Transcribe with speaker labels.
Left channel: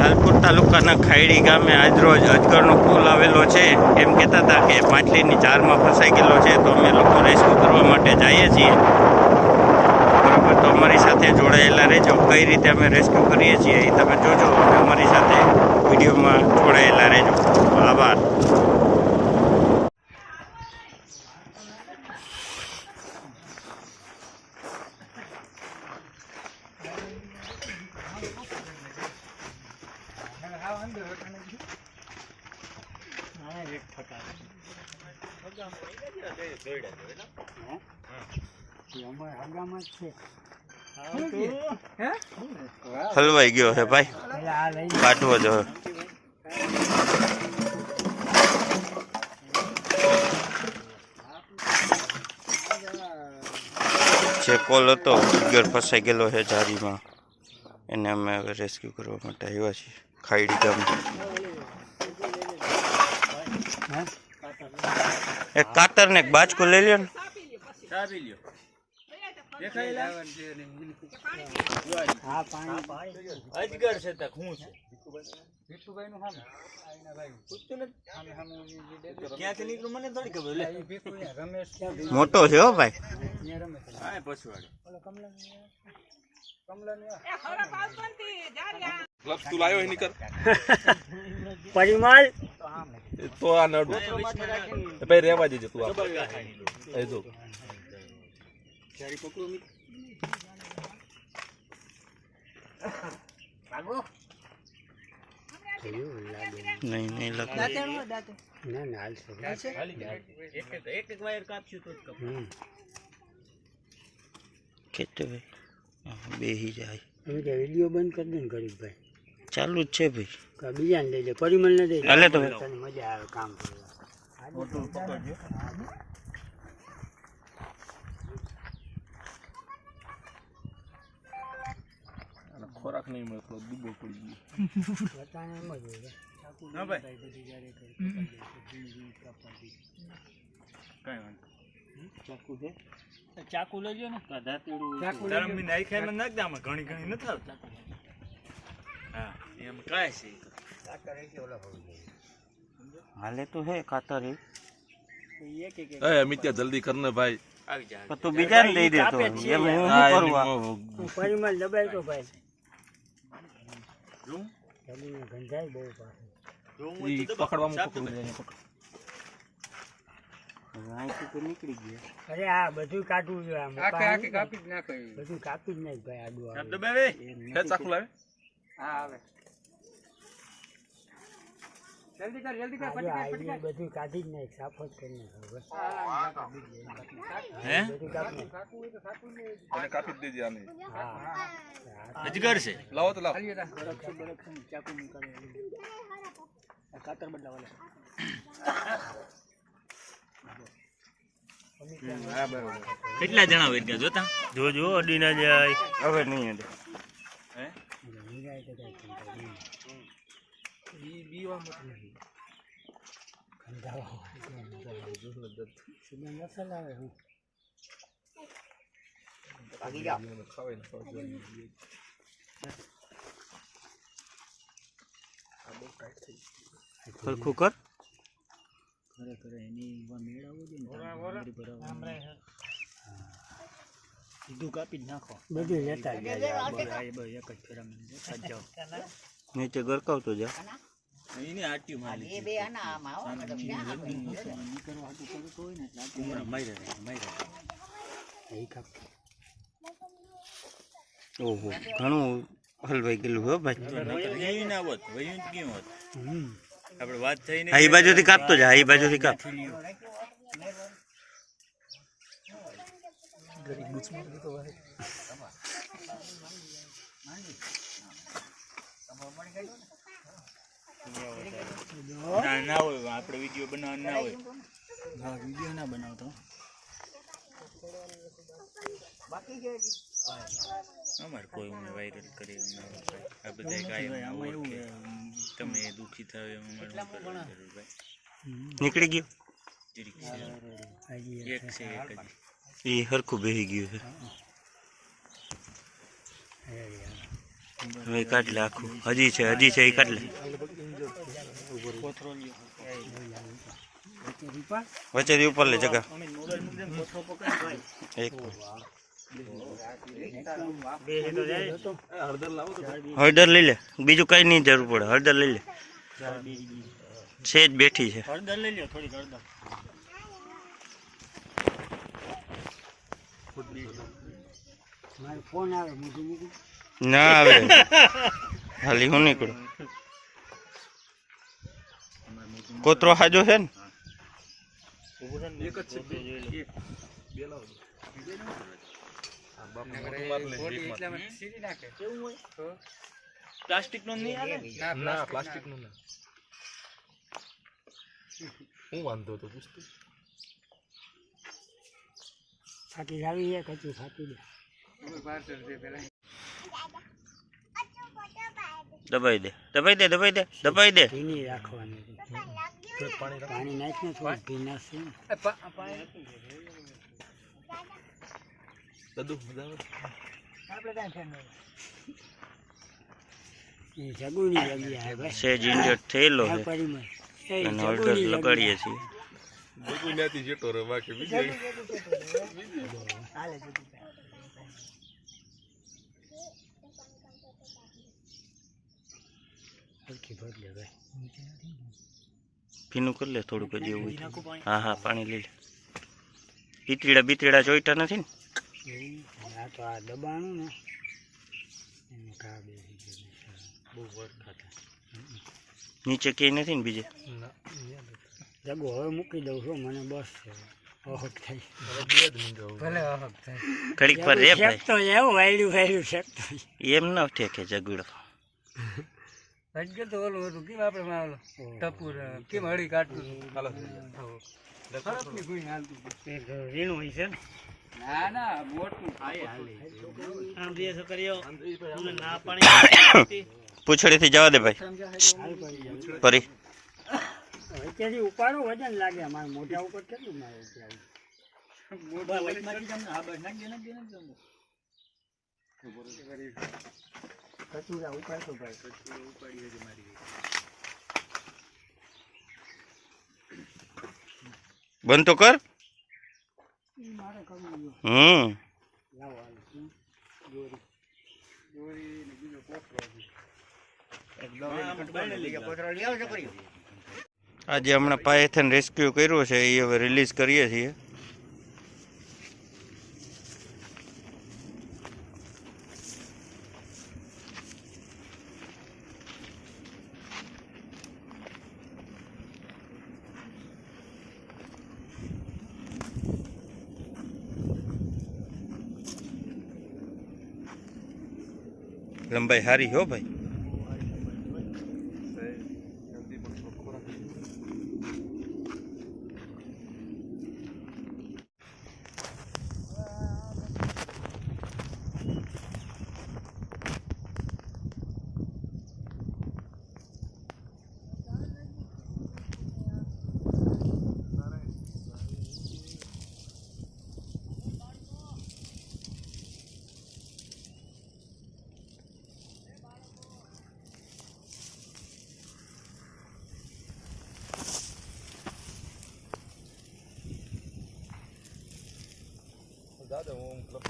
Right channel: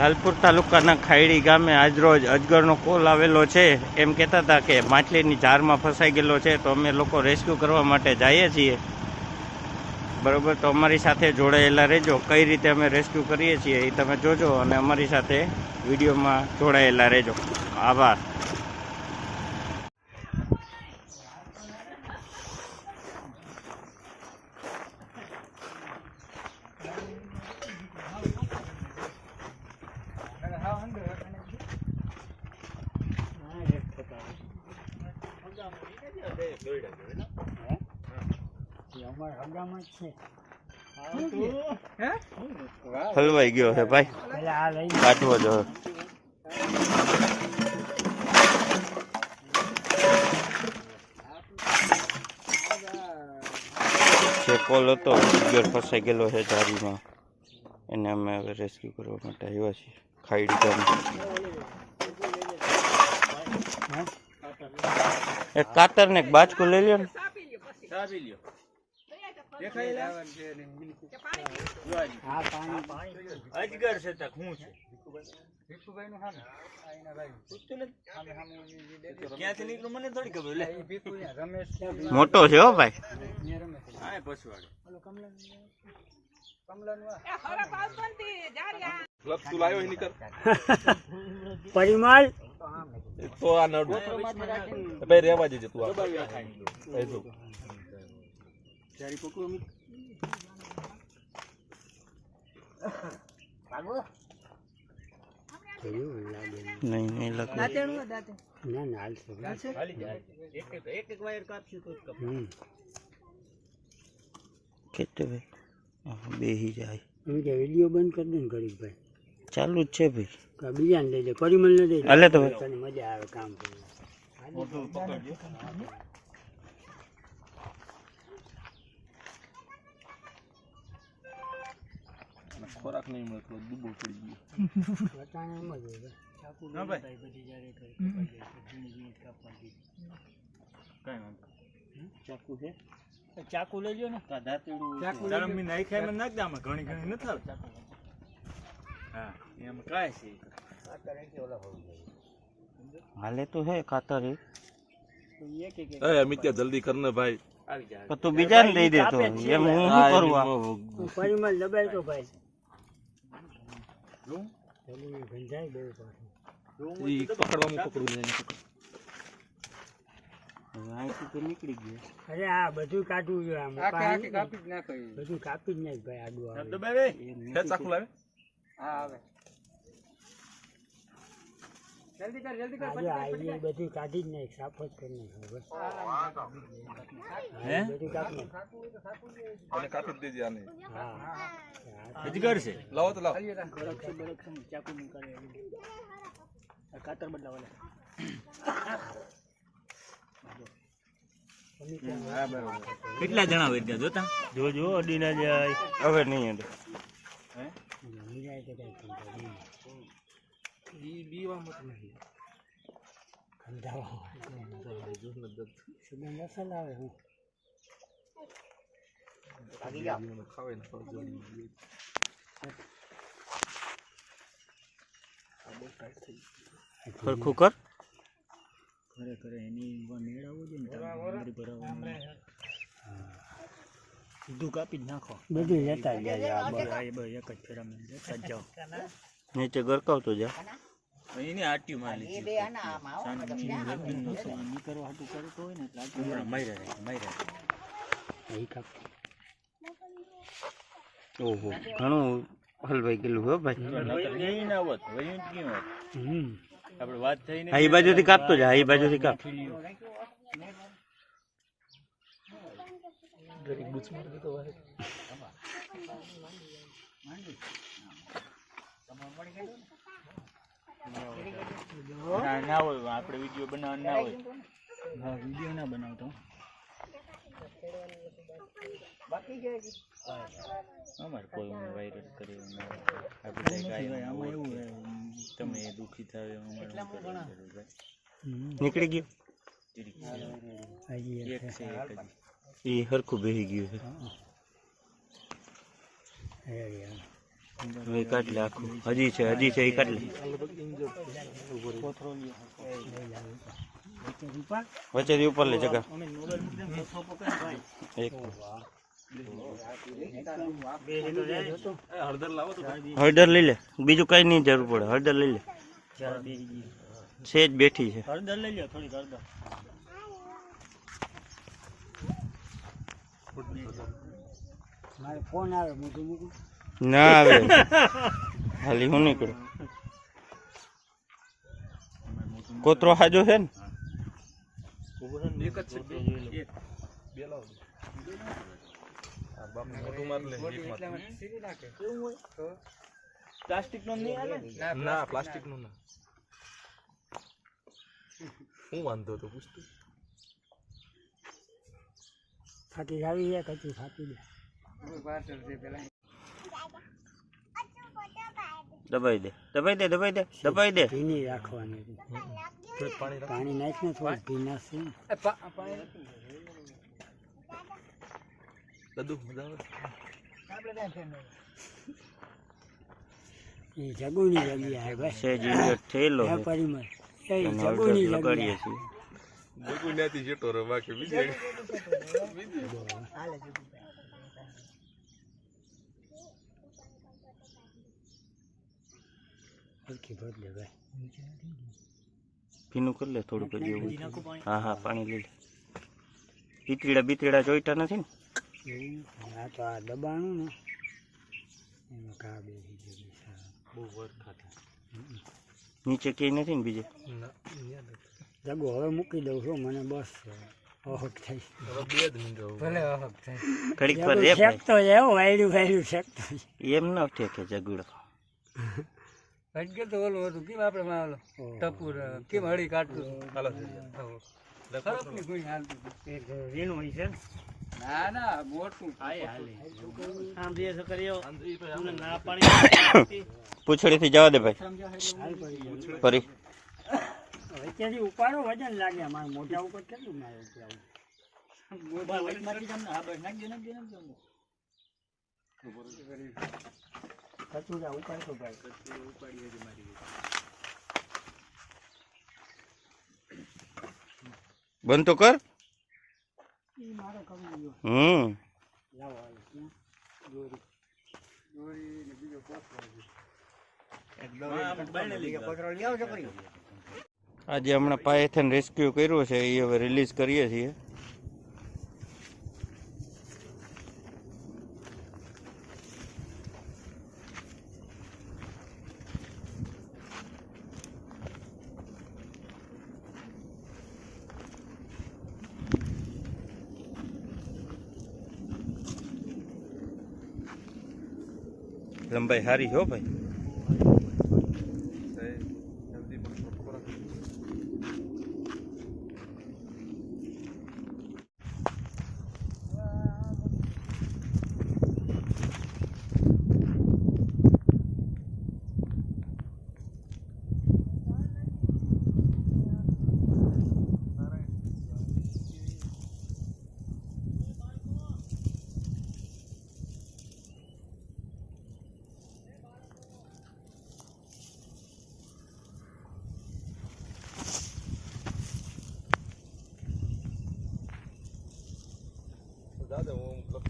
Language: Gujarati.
Speaker 1: લાલપુર તાલુકાના ખાયડી ગામે આજરોજ અજગરનો પુલ આવેલો છે. એમ કહેતા હતા કે માછલીની જારમાં ફસાઈ ગયેલો છે, તો અમે લોકો રેસ્ક્યુ કરવા માટે જઈએ છીએ. બરાબર, તો અમારી સાથે જોડાયેલા રહેજો. કઈ રીતે અમે રેસ્ક્યુ કરીએ છીએ એ તમે જોજો અને અમારી સાથે વિડીયોમાં જોડાયેલા રહેજો. આભાર. હલવાઈ ગયો છે ભાઈ. કાઢવો જો જે કોલ હતો અજગર ફસાઈ ગયેલો છે જારીમાં એને અમે હવે રેસ્ક્યુ કરવા માટે આવ્યા છીએ. ખાઈડી ગામ એક કાતર ને એક બાજકું લઈ લ્યો ને.
Speaker 2: છે તક હું છે ક્યાંથી નીકળું મને થોડી ખબર લે
Speaker 1: મોટો છે હો ભાઈ
Speaker 3: પરિમલ.
Speaker 4: તો આ નડું. ભાઈ રહેવા દેજો તું આ જો.
Speaker 1: નહીં.
Speaker 3: ના ના હાલશે
Speaker 2: એક એક એક એક વાયર કાપશું તો જ કપ
Speaker 3: હમ.
Speaker 1: ખેંચો ભાઈ. બેહી જાય.
Speaker 3: વીડિયો બંધ કરી દો ને ગરીબભાઈ
Speaker 1: ચાલુ જ છે ભાઈ.
Speaker 3: બીજાને લેજે લે પરિમલ ને દઈ દે.
Speaker 1: તો.
Speaker 3: મજા આવે કામ
Speaker 2: પકડજો.
Speaker 4: ખોરાક નહીં મળે થોડો દુબો પડી ગયો.
Speaker 3: બધાને એમ જ હોય ચાકુ
Speaker 2: હા
Speaker 3: લઈ
Speaker 2: ભાઈ.
Speaker 3: જાય બધી કાપવા
Speaker 2: કઈ વાંધો
Speaker 3: ચાકુ છે? ચાકુ લઈ લો ને ચાકુ
Speaker 2: નાખ દે ઘણી ઘણી નથી આવતી. હા એમ કાય છે?
Speaker 1: હાલે તો હે ખાતર. એ
Speaker 3: અરે એક એક એક.
Speaker 4: એ મિત્યા જલ્દી કર ને ભાઈ.
Speaker 1: તું બીજાને દઈ દેતો
Speaker 3: કાપે
Speaker 1: એમ હું શું
Speaker 4: એની
Speaker 1: કરવા
Speaker 3: દબાય તો ભાઈ.
Speaker 2: રૂમ?
Speaker 3: ગંજાય બહુ પાછું.
Speaker 4: પકડવામાં પકડું જાય
Speaker 1: હવે અહીંથી તો નીકળી ગયો.
Speaker 3: અરે આ બધું કાઢવું જોઈએ આ બધું કાપી જ નાખ ભાઈ આડું
Speaker 4: હે ચાકુ લાવે
Speaker 3: આજે આ એ બધું કાઢી જ નાખ સાફ જ કરી નાખ
Speaker 2: હે
Speaker 3: બધું કાપી
Speaker 4: અને કાપી જ દેજે આને.
Speaker 3: હા.
Speaker 2: અજગર છે
Speaker 4: લાવો તો લાવો.
Speaker 3: બરકસી બરકસી ચાકુ નીકાળે. કાતર બદલાવાના
Speaker 2: કેટલા જણા હોય ત્યાં જોતા?
Speaker 1: જો જો અડી ના જાય હવે નહીં
Speaker 2: હે?
Speaker 3: નિરાય તો કાંઈ ચિંતા નહીં.
Speaker 4: ઈ બીવા મત નહીં
Speaker 3: ખંધાવા. સુગંધ અસલ આવે હું
Speaker 4: ખાવે ને ખાવે
Speaker 1: કર
Speaker 3: ખરેખર એની મેળવવું જોઈએ ને ભરાવવાનું. સીધું કાપી જ નાખો બધું લેતા જ જાય આ બધા એ બધા એક જ ફેરામાં લેતા જ જાઓ
Speaker 1: નીચે ગરકાવતો જા
Speaker 2: એની આટ્યું મારી
Speaker 3: ઈ કરવા હાટું કરતો હોય ને એટલે આટલું
Speaker 2: માર્યા માર્યા
Speaker 3: એ કાપી
Speaker 1: ઓહો ઘણું હલવાઈ ગયેલું હો ભાઈ.
Speaker 2: એવી ના હોત વયું જ કેમ હોત
Speaker 3: હમ.
Speaker 2: આપણે વાત થઈ ને
Speaker 1: આ એ બાજુથી કાપતો જા આ એ બાજુથી કાપ.
Speaker 2: ના ના હોય આપણે વીડિયો બનાવવાનો ના હોય
Speaker 3: હા વીડિયો ના બનાવતો
Speaker 2: અમારે કોઈ ઉમે વાયરલ કરે એવું ના હોય આ બધા કાંઈ
Speaker 3: આમાં એવું
Speaker 2: ઓળખે. તમે દુઃખી થાવ એમ અમારે શું કરવાની જરૂર ભાઈ
Speaker 1: નીકળી ગયું
Speaker 2: જીરીક છે.
Speaker 3: હજી
Speaker 2: એક છે એક જ
Speaker 1: એ હરખું બેહી ગયું છે. હવે કાટલે આખું. હજી છે હજી છે, એ કાઢ લે
Speaker 3: કોથરો લ્યો લઈ લાવો વચ્ચે
Speaker 1: ઉપર લે જગા. એક
Speaker 4: હળદર
Speaker 1: લઈ લે. બીજું કઈ નહીં જરૂર પડે. હળદર લઈ લે.
Speaker 3: છે જ
Speaker 1: બેઠી છે.
Speaker 3: હળદર લઈ લે થોડી હળદર મારે ફોન આવે મૂકું મૂકું.
Speaker 1: ના આવે. હાલી હું નીકળું? કોતરો હાજો છે ને?
Speaker 4: એક જ છે. બે લાવો
Speaker 3: પ્લાસ્ટિક નો નહીં આવે
Speaker 4: ના? પ્લાસ્ટિક નો ના. હું વાંધો તો પૂછતું?
Speaker 3: ફાટી આવી છે કચું ફાટી દે
Speaker 1: દબાઈ દે દબાઈ દે દબાઈ દે દબાઈ દે.
Speaker 3: ભીની રાખવાની
Speaker 4: પાણી
Speaker 3: નાખીને થોડું ભીના છે ને.
Speaker 4: દદુ મજા આવે.
Speaker 3: જગુની લગી આવે ભાઈ.
Speaker 1: સેજ થયેલો છે. અને
Speaker 3: જગુની
Speaker 1: લગાડીએ છીએ.
Speaker 4: કોઈ ત્યાંથી જતો રહે બાકી બીજે
Speaker 1: ભીનું કરી લે થોડુંક હજી એવું હોય હા હા પાણી લઈ લે. ઈતરીડા બીતરીડા જોઈતા નથી ને?
Speaker 3: આ તો આ દબાણું ને. એમાં કા બેસી ગયું બહુ વરખા
Speaker 1: નીચે ક્યાંય નથી ને બીજે?
Speaker 3: જગો હવે મૂકી દઉં છું મને બસ છે અહક થઈ.
Speaker 4: બે
Speaker 3: ભલે ઓહક થાય
Speaker 1: ઘડીક પર રે ભાઈ.
Speaker 3: તો એવો વાયડું વાયડું છે
Speaker 1: એમ ન ઠેકે જગુડો
Speaker 3: હજકે તો ઓલું હતું કેમ આપણે માં ટપુર કેમ હળી કાઢતું
Speaker 4: હાલો
Speaker 3: વીણું હોય છે ના. ના મોટું. ભાઈ હાલે આમ બે છોકરીઓ ના પાણી
Speaker 1: પૂછડીથી જવા દે ભાઈ. ફરી.
Speaker 3: વચ્ચેથી ઉપાડું વજન લાગે. મારે મોઢા ઉપર કેટલું મારે કચુરા ઉપાડતો ભાઈ.
Speaker 1: બંધ તો કર. હમ.
Speaker 3: એક દોરી કરી
Speaker 1: આજે હમણાં પાયથન રેસ્ક્યુ કર્યો છે એ હવે રિલીઝ કરીએ છીએ. લંબાઈ સારી હો ભાઈ.
Speaker 4: 好的，我们。